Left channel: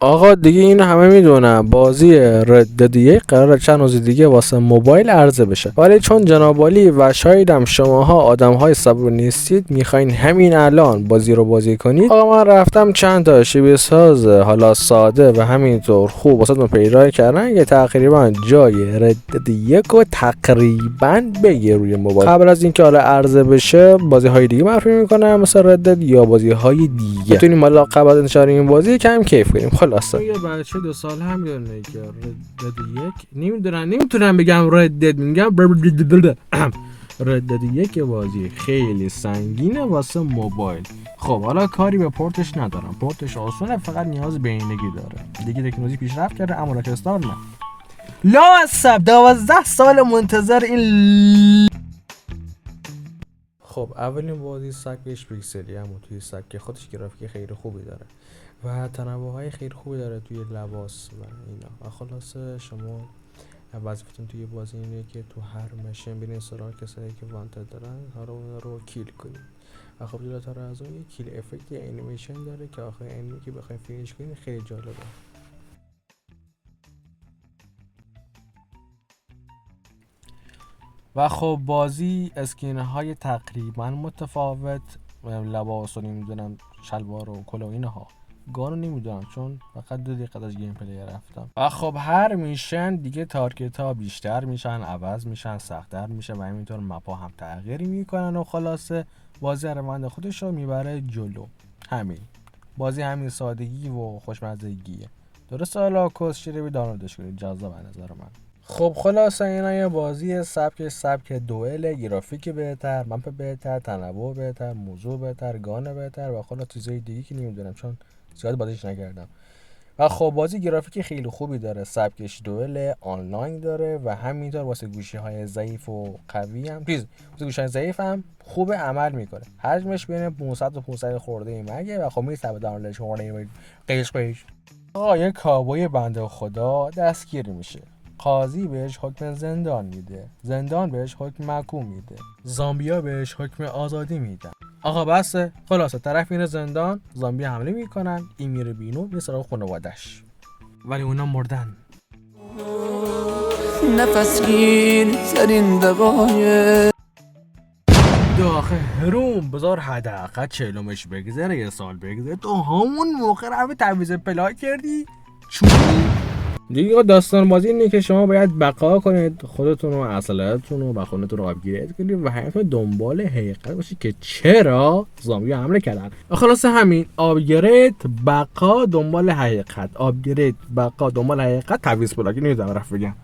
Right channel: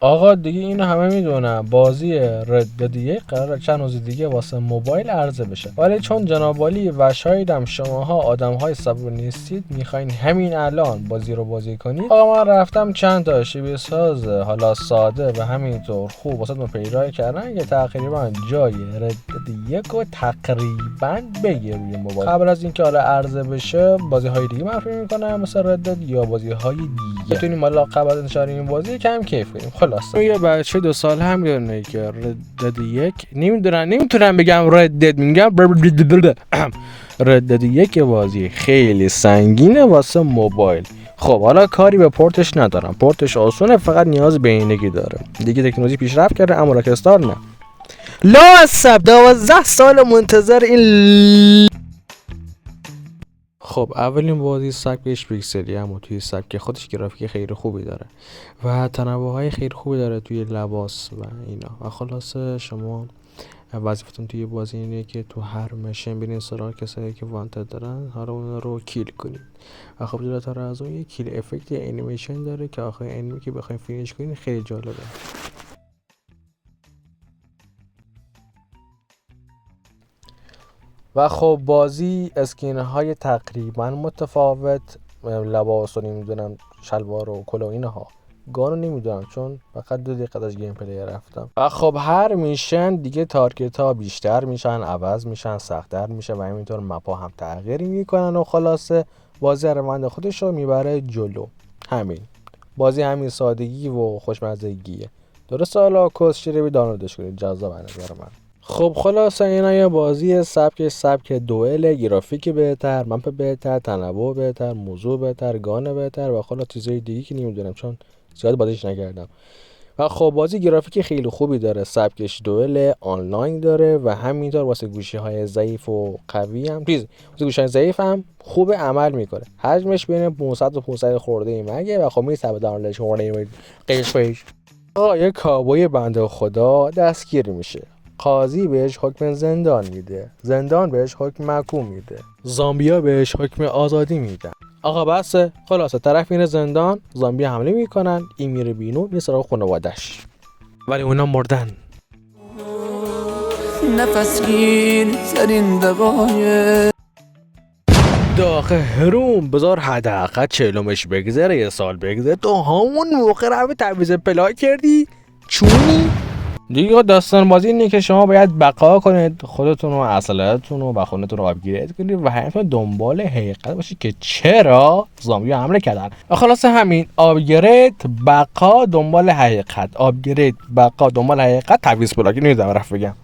آقا دیگه اینو همه میدونن، بازی رد یک قراره چند روز دیگه واسه موبایل عرضه بشه، ولی چون جناب عالی و شایدم شماها آدم‌های صبور نیستید میخواین همین الان بازی رو بازی کنید، آقا من رفتم چند تا شیوه ساز حالا ساده و همینطور خوب واسهتون پیدا کردن که تقریبا جای رد یک رو تقریبا بگیر روی موبایل. قبل از اینکه حالا عرضه بشه بازی های دیگه معرفی میکنم مثل رد یا بازی های دیگه، بتونیم حالا قبل از انتشار این بازی کم کیف کنیم. خلاصه یه بچه 2 ساله هم میدونه که رد یک نمیتونم بگم رد میگم رد یک بازی خیلی سنگینه واسه موبایل. خب حالا کاری به پورتش ندارم، پورتش آسونه، فقط نیاز به اینگی داره. دیگه تکنولوژی پیشرفت کرده اما راکستار نه. لا عصب 12 سال منتظر این. خب اولین بازی سبکش پیکسلی، اما توی سبک خودش گرافیک خیلی خوبی داره و تنوع‌های خیلی خوبی داره توی لباس و اینا. و خلاصه شما وظیفتون توی بازی اینه که تو هر مشن برین سراغ کسایی که وانتد دارن، حالا اون رو کیل کنید. و خب جلوتر از اون یه کیل افکت انیمیشن داره که آخر انیمی که بخواید فینیش کنید خیلی جالبه. و خب بازی اسکین‌های تقریبا متفاوت، لباس رو نمیدونم، شلوار و کلا اینها، گانو نمیدونم چون فقط 2 دقیقه از گیم پلی رفتم. و خب هر میشن دیگه تارگت ها بیشتر میشن، عوض میشن، سخت‌تر میشه و همینطور مپا هم تغییر میکنن و خلاصه بازی روند خودش رو میبره جلو. همین بازی همین سادگی و خوشمزگیه. درسته حالا کسچه رو دانلودش کنید، جذاب از نظر من. خب خلاصه اینا یه بازی سبک دوئل، گرافیک بهتر، مپ بهتر، تنوع بهتر، موضوع بهتر، گان بهتر و خلاص چیزای دیگه که نمیدونم چون زیاد بازیش نکردم. و خب بازی گرافیک خیلی خوبی داره، سبکش دوئل، آنلاین داره و همینطور واسه گوشی‌های ضعیف و قوی هم واسه گوشی‌های ضعیف هم خوب عمل میکنه. حجمش بین 500 و 500 خورده ای مگه و خب میثبت دانلودش خورده قیش. یه کابوی بنده خدا دستگیر میشه، قاضی بهش حکم زندان میده، زندان بهش حکم محکوم میده، زامبیا بهش حکم آزادی میدن. آقا بسه، خلاصه طرف میره زندان، زامبی حمله میکنن، این میره بینو یه سراغ خانوادش، ولی اونا مردن. نفس گیر ترین دقایق آخه هروم بذار حداقل 40مش بگذره، یه سال بگذره، تو همون موقع رو تعویض پلا کردی چونی؟ دیگه داستان بازی اینه که شما باید بقا کنید، خودتون و اصالتون و خونتون رو آپگرید کنید و همینطور دنبال حقیقت باشید که چرا زامبی حمله کردن. و خلاصه همین آپگرید، بقا، دنبال حقیقت، آپگرید، بقا، دنبال حقیقت، تعویض پلا که نمیدونم رفت بگم.